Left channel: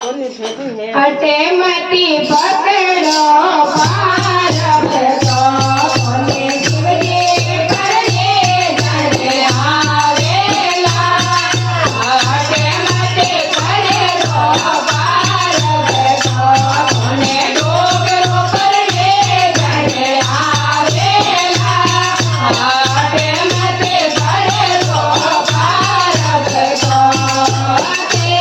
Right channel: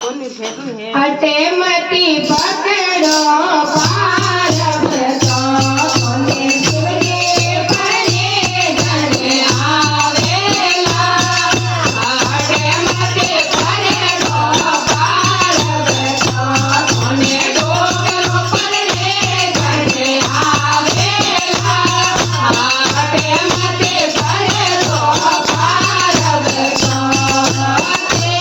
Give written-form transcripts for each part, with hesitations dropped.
अटे मती पकड़ो पार भरतो कोने शिवजी परे जने आवेला अटे मती पकड़ो पार भरतो कोने डोगरो परे जने आवेला अटे मती पकड़ो पार भरतो ते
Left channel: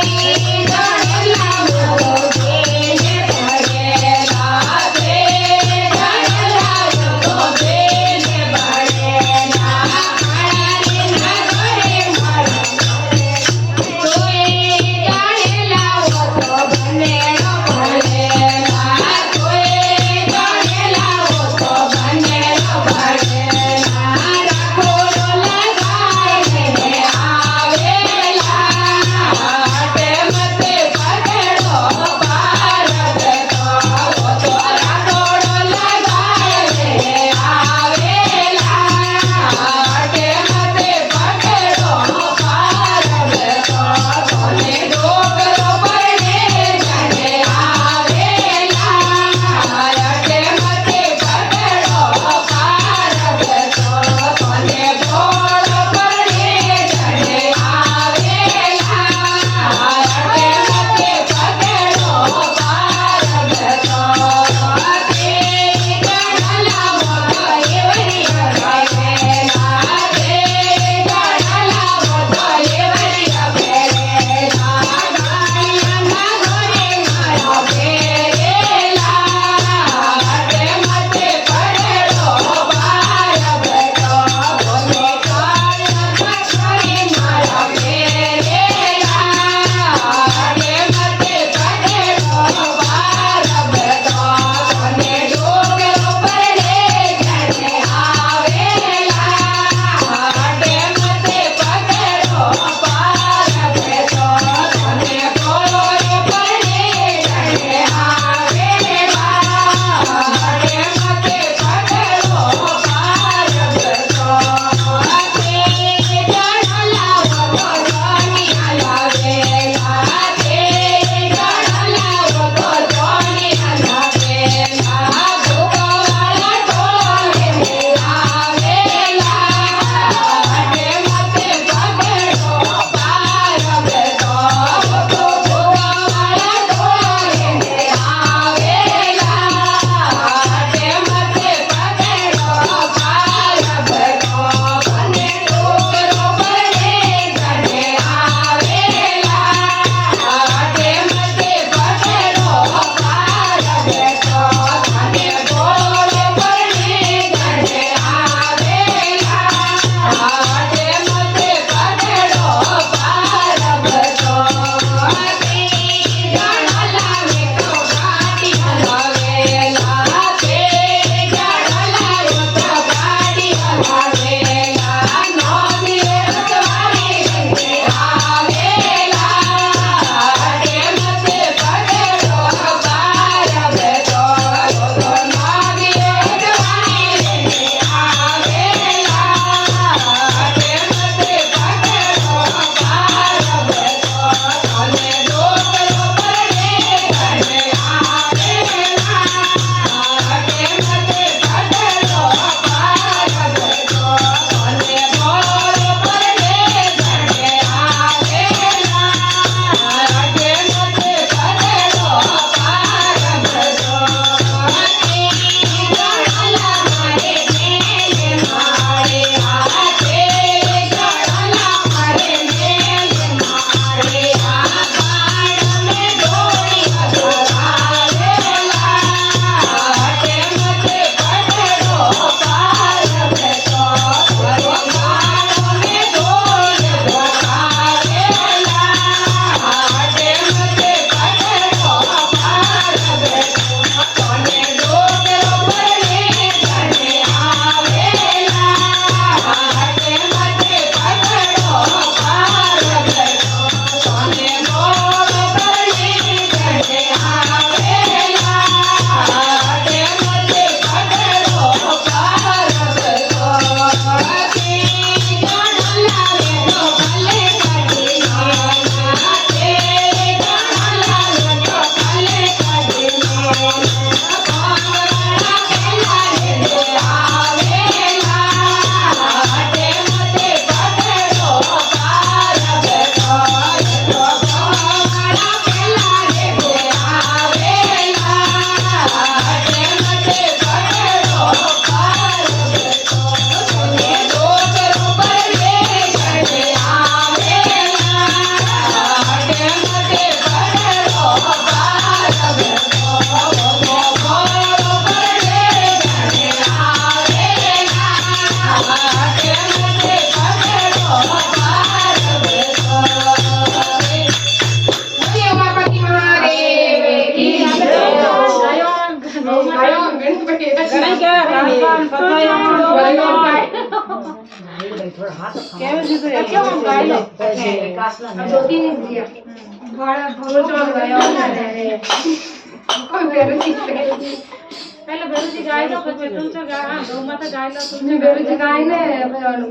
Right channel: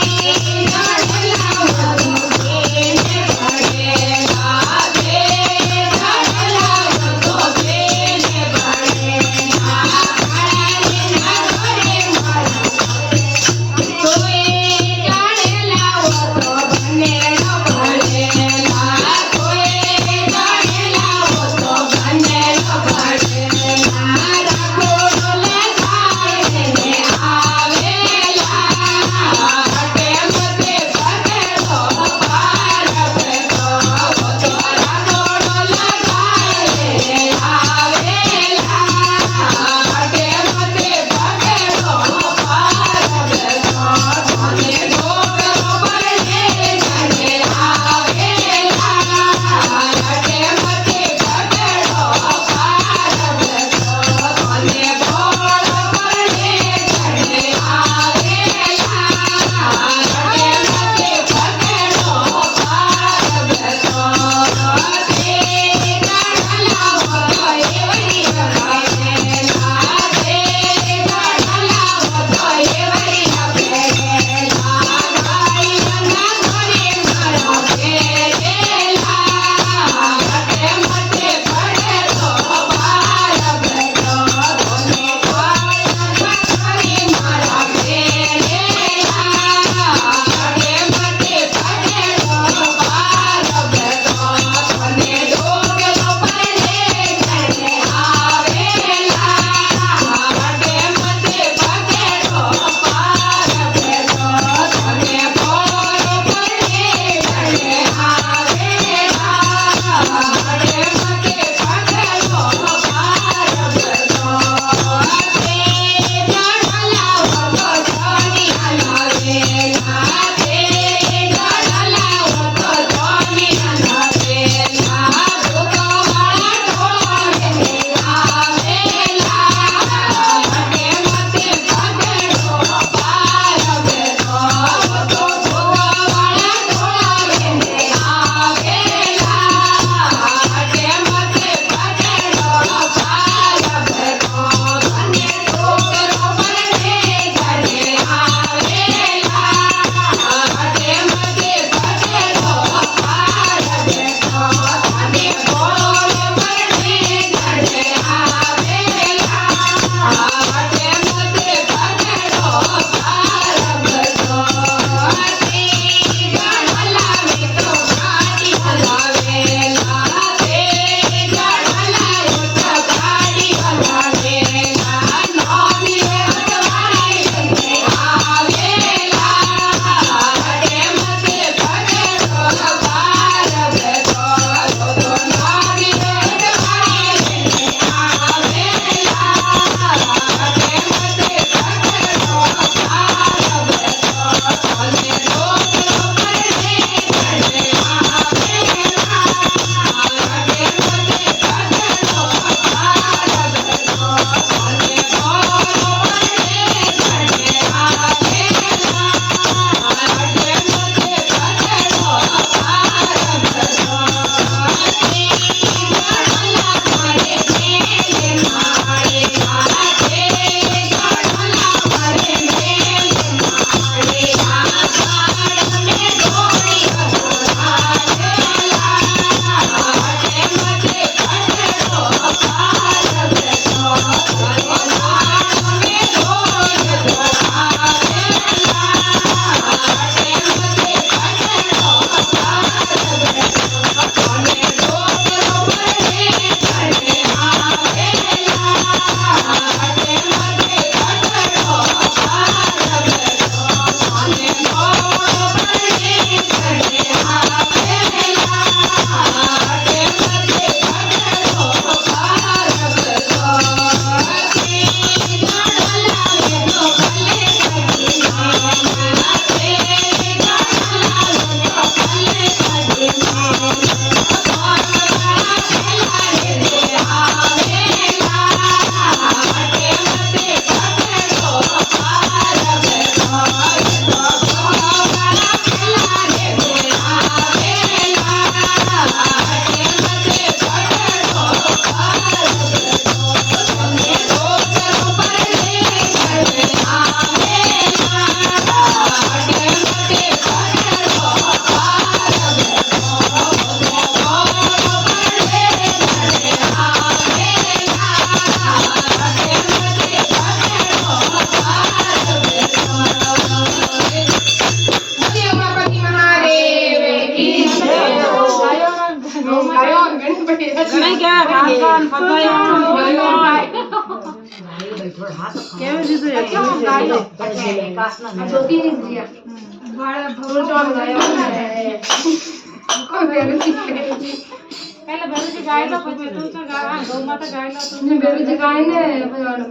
पहले बेरुजी गाय लो પછી तुमचो गा हां गौ माता गाय लो तुमने बेरुजी गाय ने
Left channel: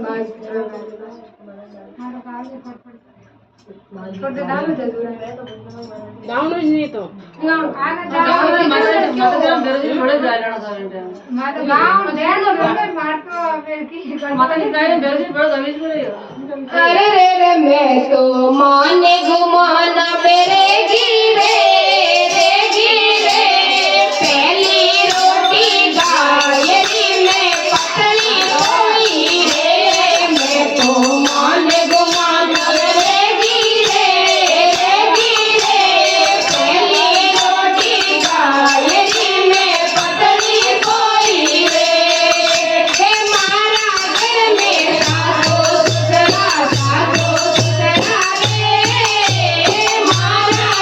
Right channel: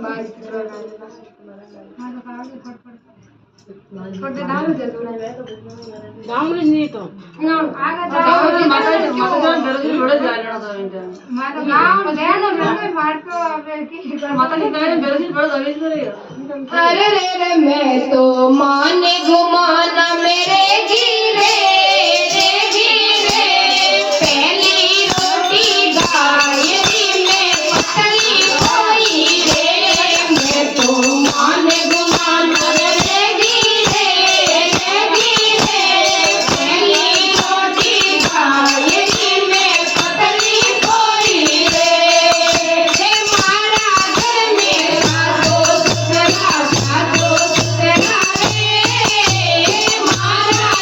बाज छोटे डालो दे दो गाउन જ નહીં તો ना आगे जाओ माता बेरुजी बड़े गाय लेना था बेटा माता गांव देनो रंग मारतो फिर की माता की गाय ने बेरुजी बड़े दवेश करे अरे रे रे मैं तो माने घुमाना मेरे गिरे रे गिरे पहली रोटी गायरी में पतली होई रे मैं तो माने घुमाना मेरे गिरे रे गिरे पहली रोटी गायरी में पतली होई रे हे मारा घर में सासो ससुरा रे मारा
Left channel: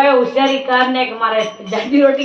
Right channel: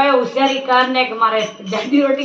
કોઈ હોશિયારી કર ને કે મારે જાડી રોટી